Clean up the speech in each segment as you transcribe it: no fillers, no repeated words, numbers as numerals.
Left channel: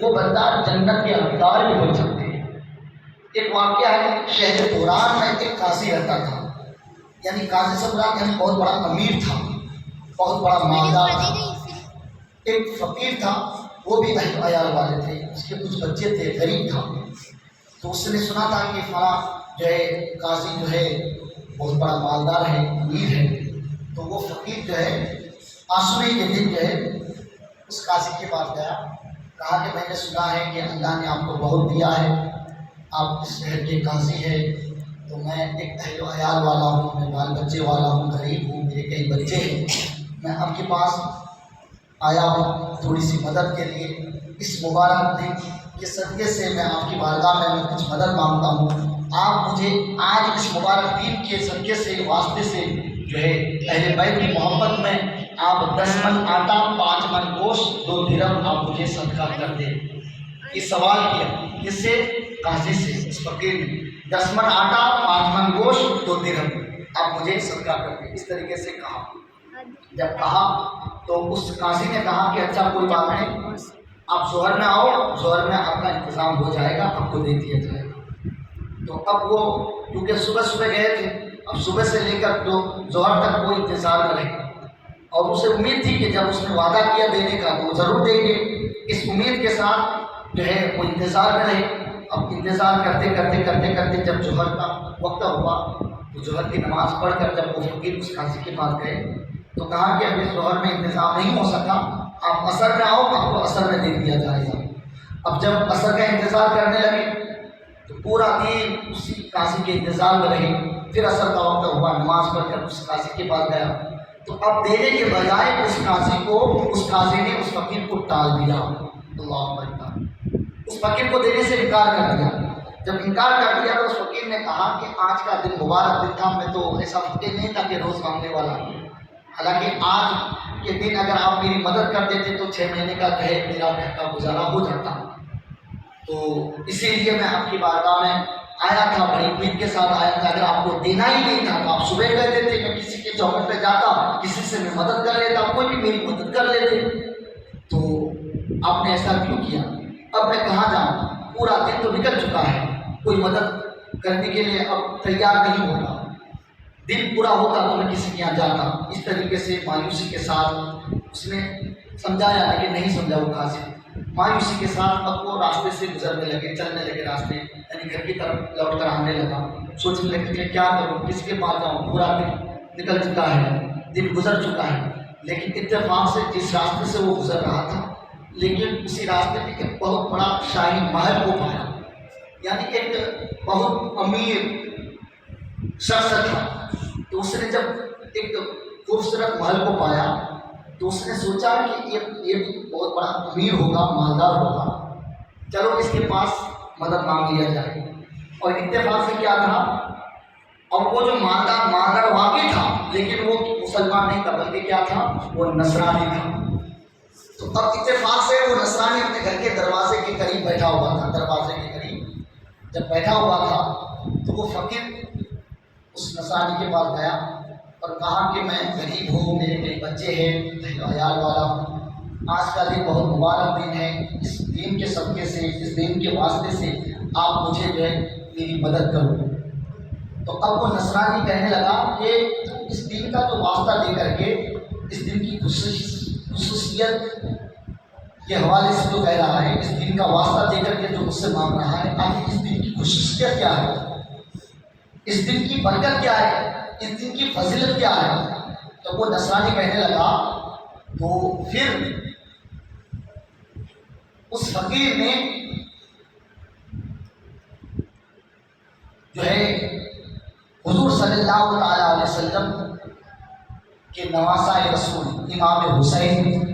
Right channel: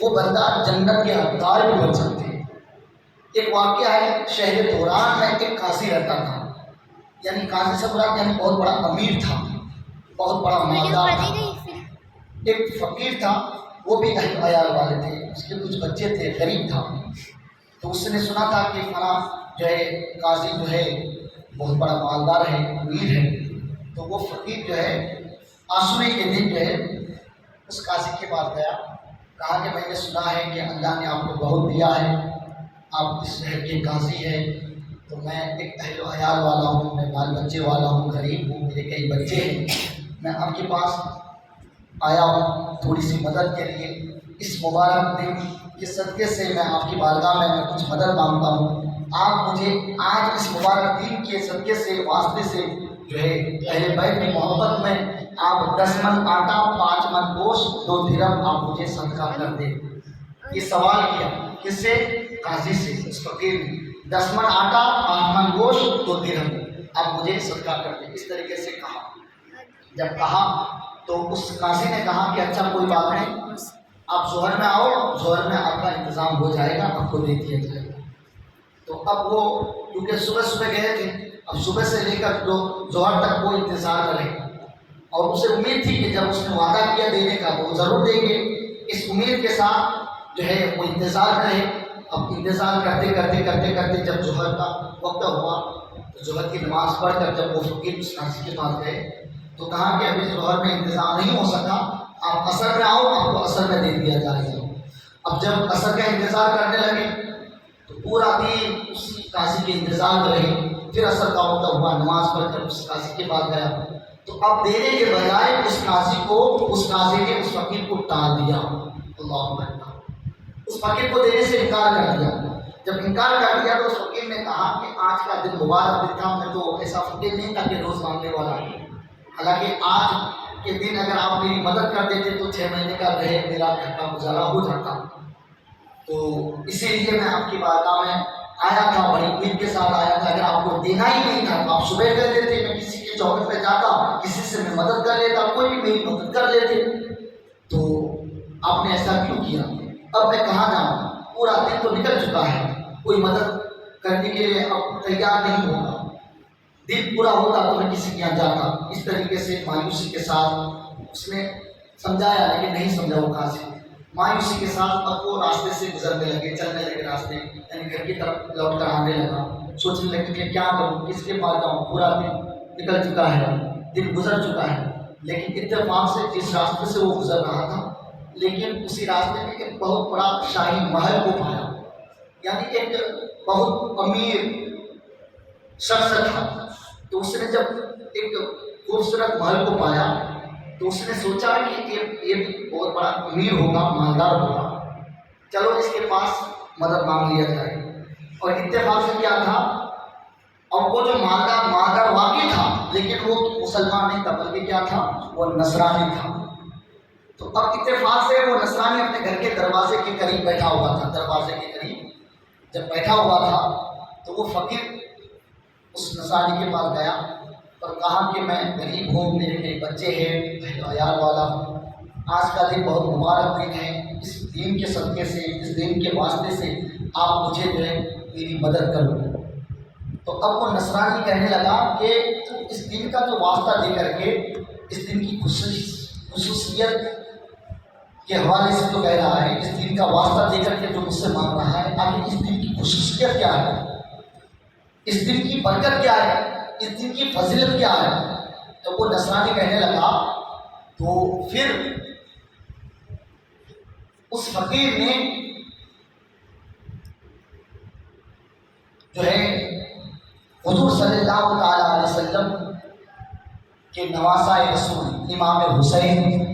وہ بندہ جنت کے حقدار بھی بن سکتے ہیں۔ ایک واقعہ ہے، شہر قرآن میں ایک قاضی رہتا تھا، یعنی قاضی سمراٹ یعنی بہت بڑا امیر تھا، بہت بڑا مالدار تھا۔ ایک فقیر تھا، وہ بھی اہل عیال والے تھے، اس کے کچھ بچے تھے، غریب تھا۔ تو اس نے سنا تھا کہ فلاں جو ہے قاضی جو ہے بہت بڑا مالدار ہے، امیر ہے۔ تو وہ فقیر جو ہے آسوے کے دن جو ہے اس قاضی کے پاس گیا، کہا کہ میں نے سنا ہے کہ اللہ نے آپ کو بہت دیا ہے، آپ اس شہر کے قاضی ہیں، تو میں ایک اہل و عیال والا ہوں، میں بال بچے والا ہوں، غریب ہوں، میرے کئی بچے ہیں، میں آپ کے پاس آیا ہوں تھوڑی سی مدد کے لیے۔ اس مبارک دن کے صدقے سے میں آپ کی بارگاہ میں کچھ مدد مانگتا ہوں، آپ مجھے آج اس مبارک دن کے صدقے سے واسطے سے جو ہے اہل بیت کی محبت میں آپ 10 من آٹا، 5 من گوشت، 2 درہم آپ مجھے صدقہ کر دیں۔ یہ سوال کیا کس سے؟ قاضی سے، اس فقیر نے۔ 10 من آٹا، 5 من گوشت، 2 درہم آپ مجھے صدقہ کر دیں، اس طریقے سے کہا۔ جب کہا تو اس قاضی نے کہا کہ اچھا کوئی بات نہیں، آپ ظہر میں آؤ، ظہر میں آپ کا انتظام ہو جائے گا، آپ کو دے دیا جائے گا۔ تو اب وہ کیونکہ صبح گئے تھے، اب صبح سے لے کر ظہر تک وہ انتظار کریں، اور اسے امید تھی کہ جب اس نے وعدہ کیا دینے کا تو وہ ضرور دیں گے۔ اس امید کے ساتھ جو ہے وہ انتظار میں رہے۔ اب انتظار کرتے کرتے کرتے کرتے جب ظہر کا وقت ہوا تو ظہر کی نماز پڑھ کر جب وہ فقیر اس قاضی کے پاس گئے تو کہا کہ ابھی ظہر میں انتظام نہیں ہو سکا، آپ عصر میں آؤ، آپ کو عصر میں دے دیا جائے گا۔ اب جب عصر کا انتظار کرنے لگے تو پورا دن اسی قاضی کے انتظار میں رہے۔ پھر عصر کا وقت ہوا، نماز پڑھ کر اس قاضی کے پاس گیا تو اب دینے کے بجائے اس قاضی نے اس فقیر کو ٹال دیا۔ اللہ اکبر، اس فقیر کو دینے سے انکار کر دیا۔ جب انکار کر دیا تو اس فقیر نے کہا کہ آج کا دن مبارک دن تھا، میں تو ایسا فقیر نہیں تھا کہ روز مانگنے والا، حالانکہ آج کے دن اگر آپ میری مدد کر دیتے تو 6 مہینے کا جو ہے میرا گھر کا گزارا ہو جاتا۔ تو اسی لیے میں آپ کی بارگاہ میں آیا تھا، بڑی امید کے ساتھ آیا تھا، اگر آپ کو دینا ہی نہیں تھا تو آپ صبح کہہ دیتے، میں کسی کے چوکٹ پہ جاتا، کسی سے میں مدد کر لیتا، کوئی بھی میری مدد کر لیتے، تو آپ نے ایسا کیوں کیا؟ اب میں کہاں جاؤں؟ پورا دن تو نکل چکا ہے، کوئی مدد کرنے کے لیے اب تیار نہیں ہوگا، دن پورا ہوتا تو میں کسی کے یہاں جاتا۔ اس طریقے سے مایوسی کے ساتھ اس نے سمجھایا، لیکن نہیں سمجھا وہ قاضی۔ مایوسی کے ساتھ اب وہ راستے سے گزرنے لگے، چلنے لگے راستے، یعنی گھر کی طرف لوٹ کر آنے لگا۔ سوچنے لگے کہ کیا کروں، کس کے پاس جاؤں، پورا دن نکل چکا ہے، دن گزر چکا ہے۔ لیکن اتفاق سے جس راستے سے وہ گزر رہا تھا، لیکن اسی راستے میں ایک بہت بڑا شاہی محل کو پایا، یعنی ایک بہت امیر شخص تھا۔ تو اس نے جب ایک خوبصورت محل کو پایا تو اس نے سوچا کہ یہ بہت بڑا امیر ہوگا، مالدار ہوگا، چلو اس کے پاس مدد مانگ لیا جائے۔ اور اتفاق سے کیا تھا، اور وہ جو مالدار واقعی تھا لیکن وہ مسلمان نہیں تھا، بلکہ کیا تھا، وہ نصرانی تھا۔ تو اب اتفاق سے وہ نصرانی اپنے گھر کے دروازے کے قریب بیٹھا ہوا تھا، دروازے کے قریب جب بیٹھا ہوا تھا تو وہ فقیر اس نصرانی کے پاس گیا اور کہا کہ میں غریب ہوں، میرے کئی بچے ہیں، عیال والا ہوں، آج کا دن بہت مبارک دن ہے، اس دین کے صدقے سے، اس دین کے واسطے سے آپ مجھے جو ہے میری مدد کرو۔ تو اب وہ نصرانی کہنے لگا کہ اس دن کا تو واسطہ دے کر کے، اس دن کی خصوصیت کے حوالے سے جو کہہ رہا ہے، اس دن کا واسطہ دے کر کے جو مجھ سے مانگ رہا ہے، آخر اس دن کی خصوصیت کیا ہے، اس دن کی برکت کیا ہے، اس دن کی فضیلت کیا ہے؟ تو وہ نصرانی کہنے لگا، تو پھر اس فقیر نے جو ہے حضور صلی اللہ تعالی علیہ وسلم کے نواسہ رسول امام حسین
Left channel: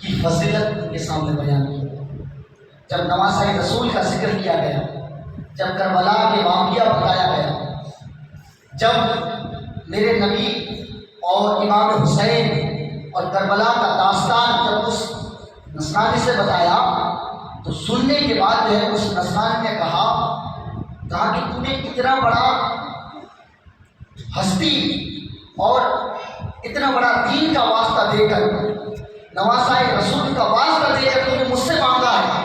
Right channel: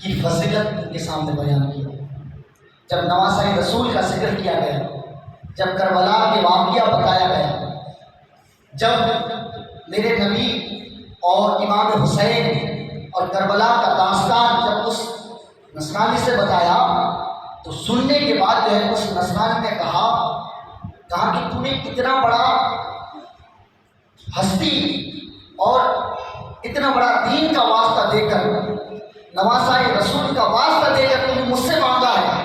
کی فضیلت ان کے سامنے بیان کی۔ جب نواسہ رسول کا ذکر کیا گیا، جب کربلا کے واقعہ بتایا گیا، جب میرے نبی اور امام حسین اور کربلا کا داستان جب اس نصرانی سے بتایا تو سننے کے بعد جو ہے اس نصرانی نے کہا کہ تو نے اتنا بڑا ہستی اور اتنا بڑا دین کا واسطہ دے کر، نواسہ رسول کا واسطہ دے کر تو نے مجھ سے مانگا ہے،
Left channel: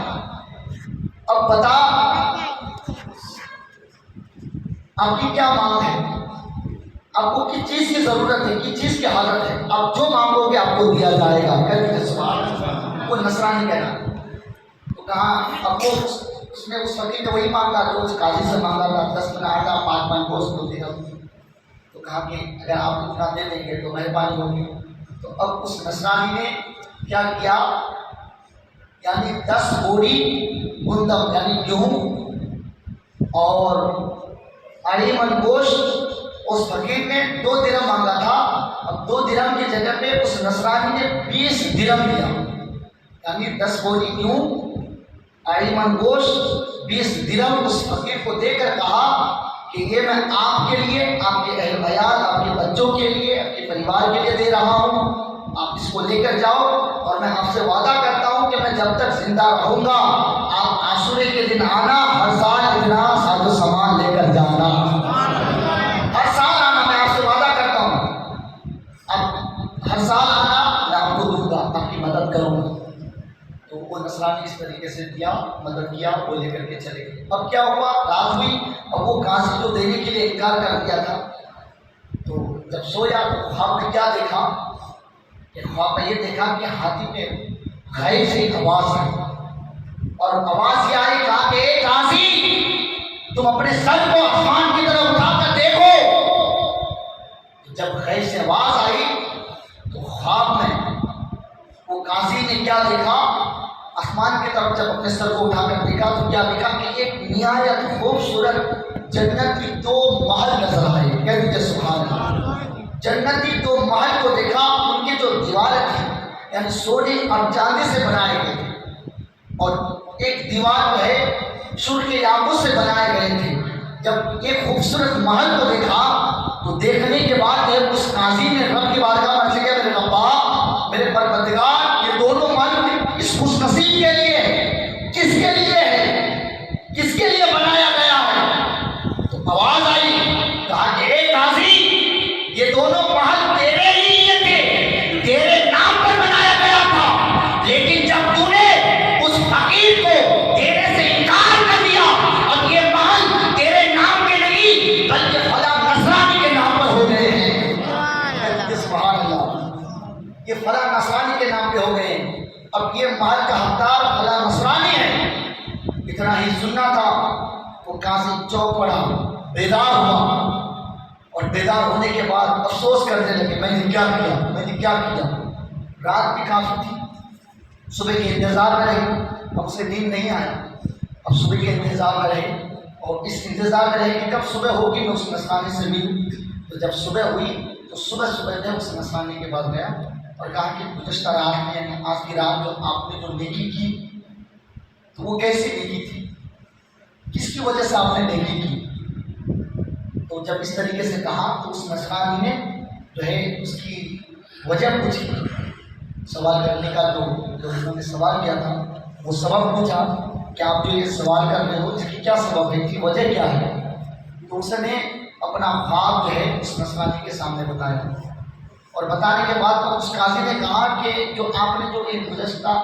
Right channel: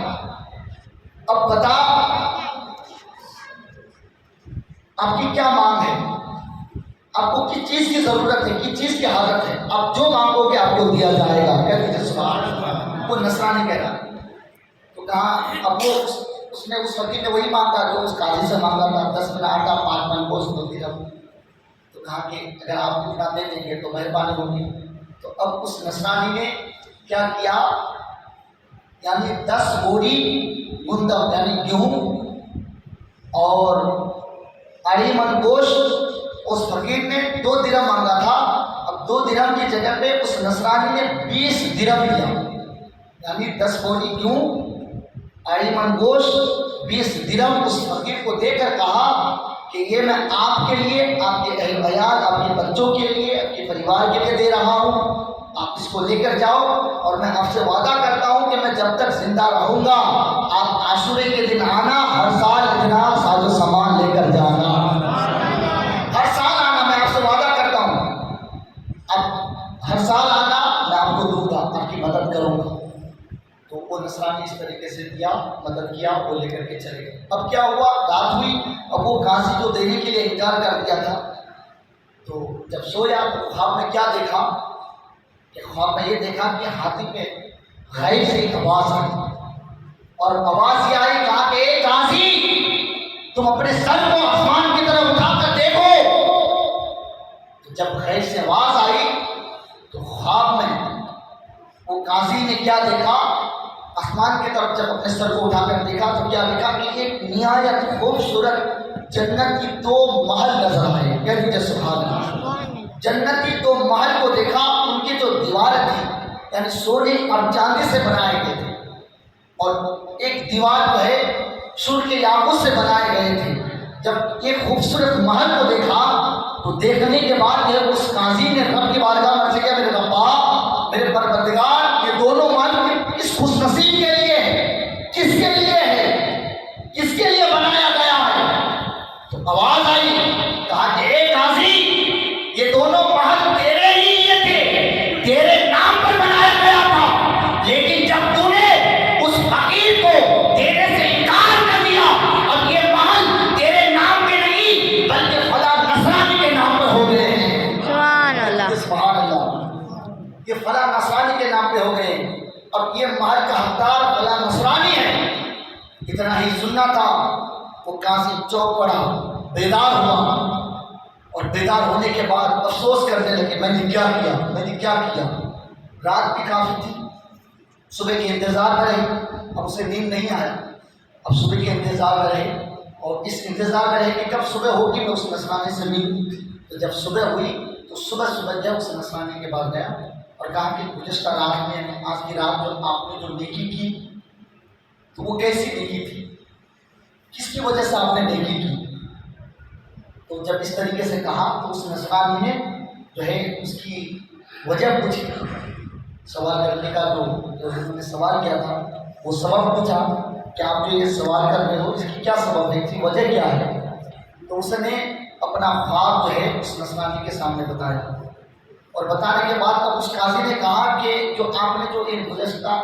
آپ کی کیا مانگ ہے، آپ کو کس چیز کی ضرورت ہے، کس چیز کی حاجت ہے، آپ جو مانگو گے آپ کو دیا جائے گا. کہہ دیجیے سبحان اللہ. وہ نصرانی کہہ رہا. تو کہا اب وہ اس نے اس فقیر نے وہی مانگا جو اس قاضی سے مانگا تھا، 10 من آٹا 5 من گوشت 2 درہم. تو کہا کہ اگر آپ اتنا دے دیں گے تو مہربانی ہوگی. تو اب اس نصرانی نے کیا کیا، یعنی 10 بوری گندم یعنی گیہوں اور 2.5 من گوشت، اس فقیر نے 2 درہم مانگا تھا. اب 2 درہم کی جگہ پہ اس نصرانی نے 20 درہم دیا، یعنی 10 بوری گیہوں 2.5 من گوشت 20 درہم اس فقیر کو دے کر کہا کہ یہ میں آپ کے لیے، آپ کے اہل عیال، آپ کے بچوں کے لیے، آپ کے پریوار کے لیے دے رہا ہوں. آپ اس کو لے کر جاؤ اور میں آپ سے وعدہ کرتا ہوں کہ میں جب تک زندہ رہوں گا آپ عاشورے کے دن آنا، ہر سال اتنا ساز و سامان لے کر جانا، ہر سال آنا، میں آپ سے وعدہ کرتا ہوں. اب ہر سال آنا، میں آپ کو دوں گا، آپ کی مدد کروں گا. تو وہ نصرانی اس طریقے سے دیا، مدد کیا، وہ لے کر کے چلے گئے. اب کیا ہوا، رات ہوئی. اب وہ قاضی کو دینے کے لیے انکار کر دیا تھا. تو جب سویا تو خواب میں کیا دیکھا کہ خواب میں یہ دیکھا کہ ہاتھی پہ غیب سے ایک آواز آئی، اور آواز یہ آئی، کہا کہ اے قاضی تم اپنے سر کو آسمان کی طرف اٹھا کر دیکھو. تو جب غیب سے آواز آئی تو خواب میں وہ قاضی نے کیا دیکھا، آسمان کی طرف جب اپنے سر کو اٹھا کر دیکھا تو کیا دیکھا کہ ایک نہایت خوبصورت جنت کی 2 محل نظر آئے. کہہ دیجیے سبحان اللہ. جنتی 2 محل کو دیکھا، ان کی جو دیواریں تھی یعنی سونے اور چاندی سے بنائے گئے تھے، اور ایک دیوار جو ہے سر کے یاقوت سے بنائے گئے تھے. جب ایک خوبصورت محل کو دیکھا تو دیکھنے کے بعد جب اس قاضی نے رب کی بارگاہ میں سے کہا، میرے ربا، میرے پروردگار، یہ دونوں محل اس خوش نصیب کے لیے ہے، کس کے لیے ہے، کس کے لیے بنایا گیا ہے؟ تو آواز آئی، کہا کہ اے قاضی یہ دونوں محل تیرے لیے تھے، تیرے نام پر بنایا گیا تھا، لیکن جب تو نے اس فقیر کو دینے سے انکار کر دیا، اب یہ محل تیرے نام پہ نہیں بلکہ فلاں نصرانی کے نام پر ہو گئے ہیں. سبحان اللہ. سبحان اللہ. یہ فلاں نصرانی کے نام پہ ہو گئے ہیں. اب یہ محل کا حقدار فلاں نصرانی ہے. اتنا ہی سننا تھا. وہ قاضی چوک پڑا، بیدار ہوا، اور بیدار ہونے کے بعد افسوس کرنے لگے، میں نے کیا کیا، میں نے کیا کیا. رات بھی کافی تھی، صبح کے انتظار میں رہے. اب اسے نیند نہیں آیا. اب صبح کے انتظار میں رہے، اور اس انتظار میں رہے کہ کب صبح ہوگی میں اس نصرانی سے ملوں. تو جب صبح ہوئی تو صبح جب اس نصرانی کے بعد گیا اور کہا کہ گزشتہ رات میں یعنی آج کی رات جو آپ نے جو نیکی کی تو وہ کیسی نیکی تھی، کس کی وجہ سے آپ نے نیکی کی. تو جب اس طریقے سے کہا تو اس نصرانی نے جو ہے اس کی وجہ پوچھی. سوال کرنے کا جو انہوں نے سوال کیا تھا وہ سبب پوچھا کہ آپ جو یہ سوال کر رہے ہو اس کی کیا سبب ہے، اس کی وجہ کیا ہے. تو اس نے اپنا خواب جو ہے اس نصرانی کے سامنے بتایا، اور بتانے کے بعد اب اس قاضی نے کہا کہ جو آپ نے جو ایک گزشتہ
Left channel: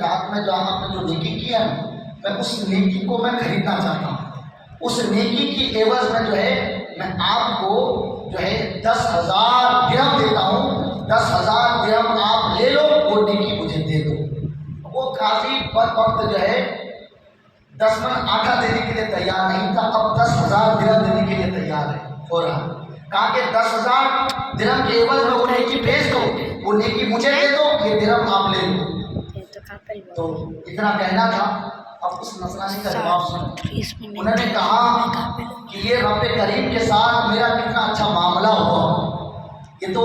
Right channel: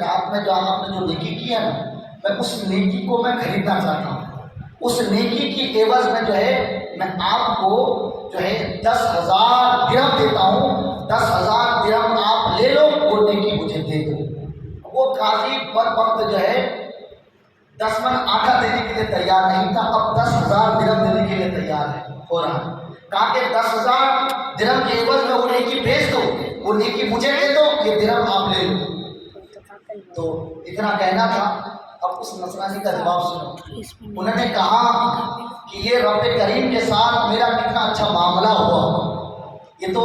رات میں جو آپ نے جو نیکی کی ہے نا، میں اس نیکی کو میں خریدنا چاہتا ہوں. اس نیکی کی عوض میں جو ہے میں آپ کو جو ہے 10,000 درہم دیتا ہوں. 10,000 درہم آپ لے لو، وہ نیکی مجھے دے دو. وہ قاضی پر وقت جو ہے 10 من آٹا دینے کے لیے تیار نہیں تھا، اب 10,000 درہم دینے کے لیے تیار ہے. ہو رہا کہا کہ 10,000 درہم کے عوض میں وہ نیکی بھیج دو، وہ نیکی مجھے دے دو، یہ درہم آپ لے لو. تو اتنا کہنا تھا. اب اس نصرانی کا جواب سنو. انہوں نے کہا کہ یہ رب کریم کے ساتھ میرا کتنا اچھا معاملہ ہوا، یہ تو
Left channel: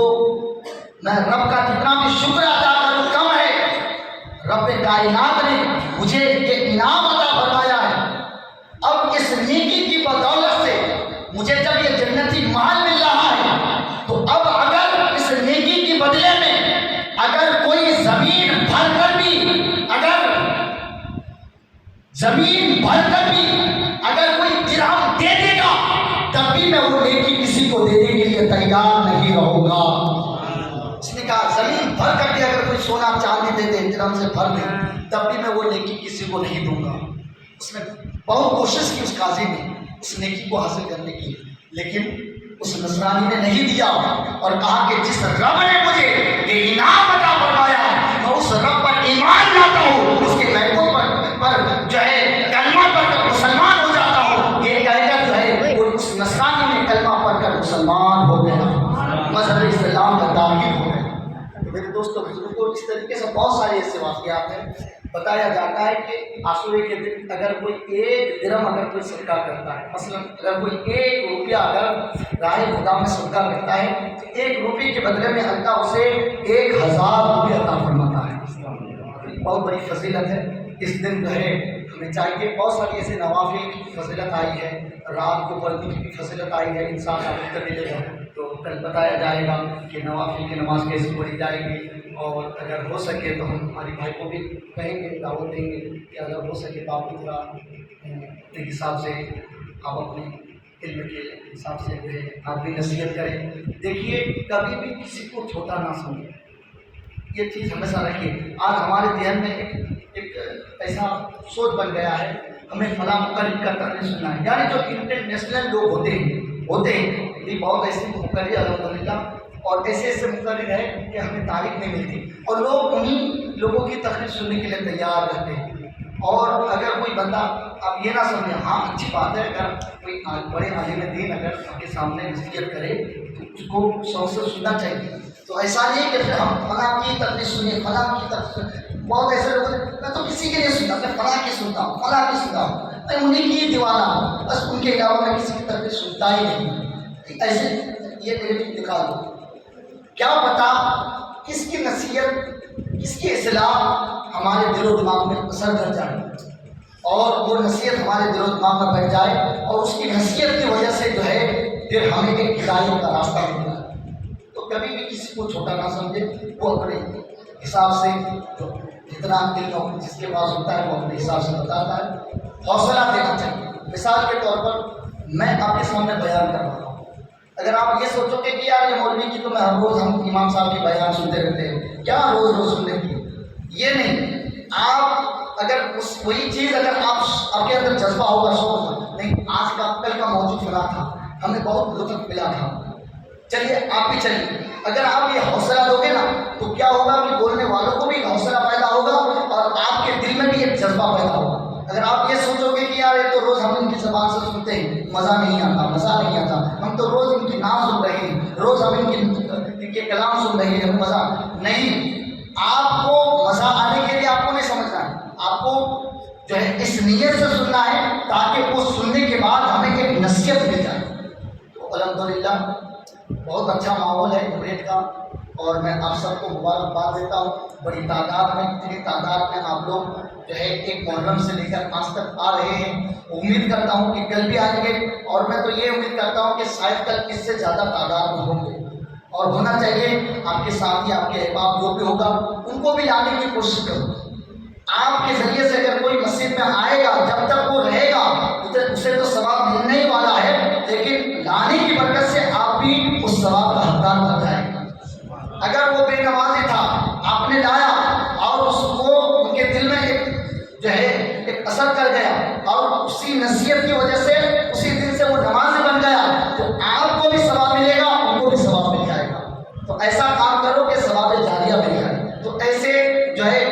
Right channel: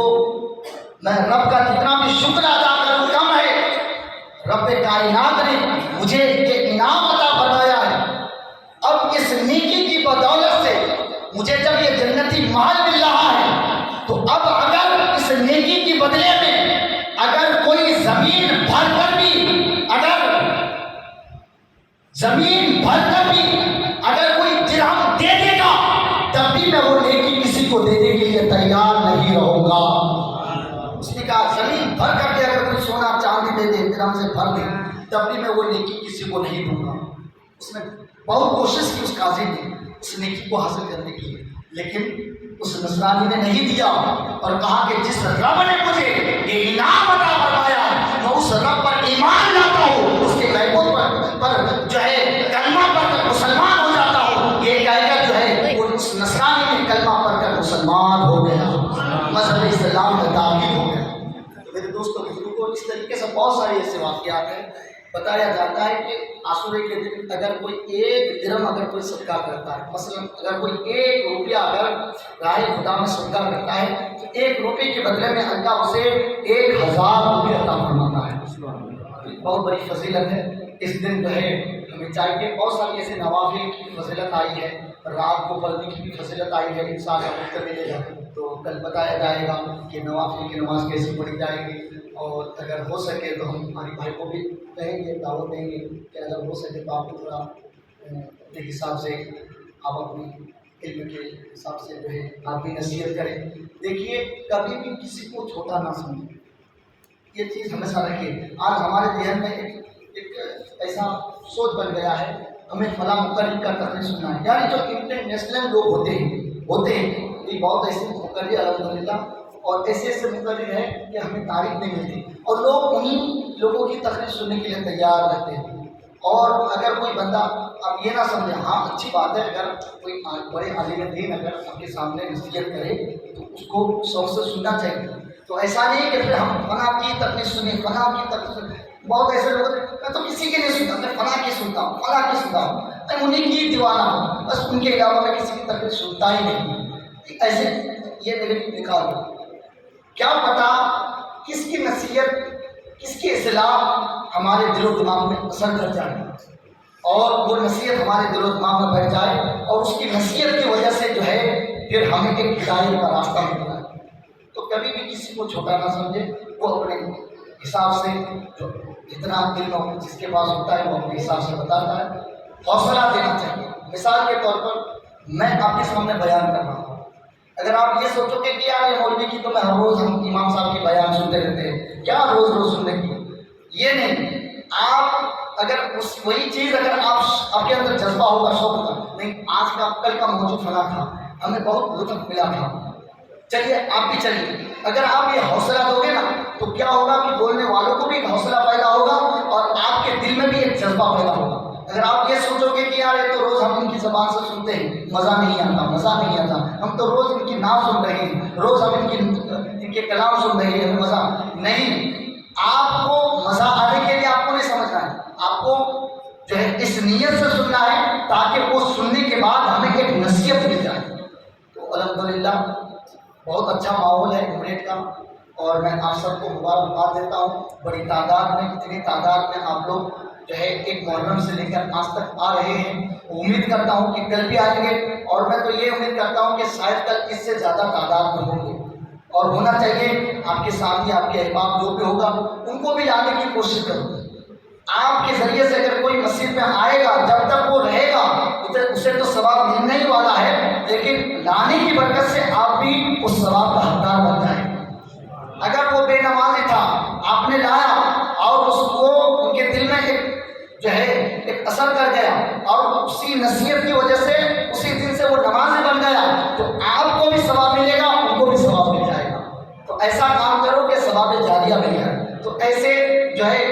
میں رب کا کتنا بھی شکر ادا کروں کم ہے. رب کائنات نے مجھے یہ انعام عطا فرمایا ہے. اب اس نیکی کی بدولت سے مجھے جب یہ جنتی محل مل رہا ہے تو اب اگر اس نیکی کی بدلے میں اگر کوئی زمین بھر کر بھی اگر کوئی درہم دے دے گا تب بھی میں وہ نیکی کسی کو دینے کے لیے تیار نہیں رہوں گا. اس نے کہا زمین بھر کر کے اگر کوئی سونا چاندی دے دے، درہم سے بھر دے، تب بھی میں وہ نیکی کسی کو نہیں دوں گا. اس نے بہت کوشش کی اس قاضی نے اس نیکی کو حاصل کرنے کی، لیکن اس نصرانی نے نہیں دیا اور کہا کہ جس رب نے مجھے یہ انعام عطا فرمایا ہے میں اس رب پر ایمان لاتا ہوں، اس کے بیٹوں پر جو ہے کلمہ پڑھ کر مسلمان ہو جاتا ہوں، یہ کہہ کر جو ہے وہ اس نصرانی نے کلمہ پڑھ کر مسلمان ہو گیا، مذہب اسلام کا داخل ہو گیا۔ تو میرے دوستوں بزرگوں، اس طریقے سے بہت سارے ایسے واقعات ہیں۔ بتایا جاتا ہے کہ عاشورے کے دن اگر کوئی 1 درہم اگر کوئی صدقہ کرتا ہے، مثلا اگر کوئی 1 روپیہ اگر راہ خدا میں صدقہ کرتا ہے تو 1 روپے کے بدلے میں اللہ اسے 1000 روپے عطا فرماتا ہے۔ بہت بڑی فضیلت ہے۔ اس دن جو ہے ہمیں چاہیے، بہت ساری ایسے نوافل کی فضیلت آئی ہے، رات کو پڑھنے کی بھی فضیلت آئی ہے، انسان کا وقت ملے گا تو کل بتایا جائے گا کہ نوافل کی نماز کیسے پڑھی جائے گی، اور اگر ہو سکے تو ہم ہمارے بھائی کو بھی کہیں گے، دعوت دیں گے کہ اگر ہو سکے تو آپ کو تھوڑا اپنے حساب سے آپ اپنے علم کے حساب سے جو ہے آپ بھی نصیحت کریں۔ دیکھیے کبھی بھی کسی کو چھوٹا نہ سمجھیں، یہ چیز ہمیشہ رکھیے۔ آج ہمارے ذہن میں ایک ایسا سوچ بن گیا ہے، ہمیں فلاں مقرر کا تقریر سننا ہے، یعنی جو انٹرنیشنل لوگ ہوتے ہیں یہ بہت ایسے مقرر الحمدللہ، اور ایسے مقرر ہے کہ ہمیں تاریخ نہیں ملتی، اور لوگ انہیں لوگوں کی تقریر سننے کے لیے تیار رہتے ہیں۔ اور اگر کوئی بندہ، آپ یہ نہ سمجھیں، ہاں اچھی بات ہے اگر کوئی بڑے عالم دین اگر آپ کے سامنے نصیحت کرے تو اس کو شوق سے سننا چاہیے۔ تو ایسا نہیں کہ پھر ہم فلاں کی تقریر سنیے، فلاں کی تقریر، بہت ایسے لوگ میں تو کسی کے لیے سنتا، میں فلاں کی سنتا ہوں، فلاں کی سنتا ہوں، میں انہیں کی دیوانہ ہوں، بس ان کے علاوہ میں کسی کی تقریر سنتا ہی نہیں۔ ایسے یہ نگیٹو نکال دو، کیا پتا کس کی نصیحت، کس کی اصلاح ہمارے دل و دماغ میں اثر کر جائے اور وہ نصیحت ہمارے دل و دماغ میں بیٹھ جائے، اور اس کی نصیحت کی وجہ سے جو ہے پھر ہمیں ایک ہدایت کا راستہ مل جائے۔ تو کبھی بھی کسی کو چھوٹا نہ سمجھے، وہ اپنے حساب سے جو جتنا دل میں جس کے پاس ہوتا ہے وہ اپنے حساب سے بتاتا ہے، حوصلہ دینا چاہیے۔ مثال کے طور پر میں آپ کے سامنے بیان کر رہا ہوں، اگر آپ یہ سوچو کہ یار یہ مولوی کی تو میں ہر روز ہم امام صاحب کی بیان سنتے رہتے ہیں، کیا روز سننے کی، یہ نہیں۔ آپ اگر وہی چیز اگر آپ کے اندر جذبہ ہوگا، شوق ہوگا، نہیں آج کا کل کا موضوع فلاں تھا، ہمیں بہت لطف ملا تھا، چلیے آپ بھی چلیے، اگر آپ یہ حوصلہ دو گے نا تو کیا ہوگا کہ بولنے والوں کو بھی ایک حوصلہ پیدا ہوگا اور آپ کے دل میں بھی ایک جذبہ پیدا ہوگا۔ اگر آپ یہ سوچو گے کہ یار یہ تو روز ہم ان کی زبان سے سنتے ہیں، مزہ نہیں آتا، ہم تو روز ان کی نعت سن رہے ہیں، روز ہم ان کے کلام سن رہے ہیں، ہمیں مزہ نہیں۔ آپ کو مزہ آنے کے لیے آپ کو نہیں سمجھنا ہے، آپ کو جو ہے اس نیت سے سننا ہے تاکہ وہ سننے کے بعد ہمیں ایک نصیحت مل جائے۔ تو الحمدللہ بہت اچھا ماحول ہے عمرید کا، اور میں آپ سب کو مبارکباد دیتا ہوں۔ بڑی تعداد میں، اتنی تعداد میں آپ لوگ جو ہے ایک محرم سے لے کر آج تک آ رہے ہیں، امید کرتا ہوں کہ کل بھی آئیں گے، اور میں تو یہ امید کرتا ہوں کہ شاید کل اس سے زیادہ تعداد میں ہوں گے، اور ہونا چاہیے۔ آپ کے ساتھی، آپ کے احباب جو بھی ہوگا ان کو بھی لانے کی کوشش کرو۔ آپ کے ذریعے سے اگر کوئی مسجد میں آئے گا، جب تک وہ رہے گا اسے تو ثواب ملنے ہی والا ہے، لیکن لانے کی برکت سے آپ بھی اس ثواب کا حقدار بن جائیں گے۔ اگر وہ بے نمازی تھا، آپ نے لایا اور اس کو ان کے دل میں ایک اثر کر گیا، اور اسی نصیحت کی وجہ سے اسی دن سے وہ نمازی بن گیا، تو آپ کو بھی ثواب ملے گا، ان کو بھی ثواب مل جائے گا۔ تو ایسا کام کرو کہ ثواب جاریہ مل جائے۔ تو ایسے جو ہے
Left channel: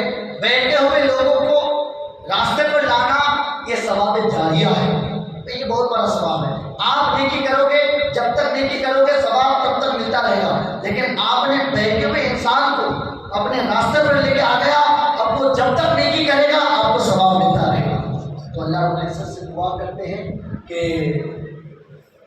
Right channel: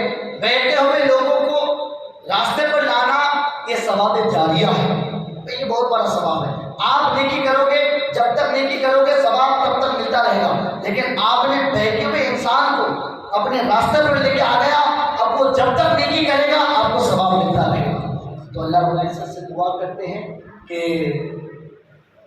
بیٹھے ہوئے لوگوں کو راستے پر لانا یہ ثواب جاریہ ہے، یہ بہت بڑا ثواب ہے۔ آپ نیکی کرو گے، جب تک نیکی کرو گے ثواب تب تک ملتا رہے گا، لیکن آپ نے بیٹھے ہوئے انسان کو اپنے راستے پر لے کے آ گیا، اب وہ جب تک نیکی کرے گا آپ کو ثواب ملتا رہے گا۔ تو اللہ رب العزت سے دعا کرتے ہیں کہ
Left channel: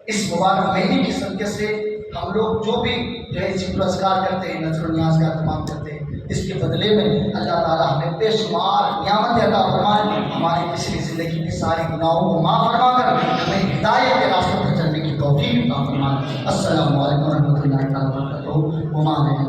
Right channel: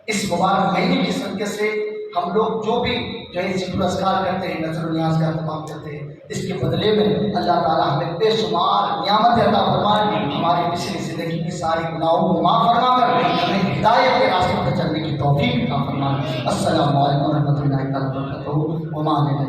اس مبارک مہینے کی صدقے سے ہم لوگ جو بھی جو ہے ذکر و اذکار کرتے ہیں، نذر و نیاز کا اہتمام کرتے ہیں، اس کے بدلے میں اللہ تعالیٰ ہمیں بے شمار نعمت عطا فرمائے، ہماری پچھلی زندگی کی ساری گناہوں کو معاف فرما کر ہمیں ہدایت کے راستے پر چلنے کی توفیق عطا فرمائے۔ السلام علیکم ورحمۃ اللہ وبرکاتہ۔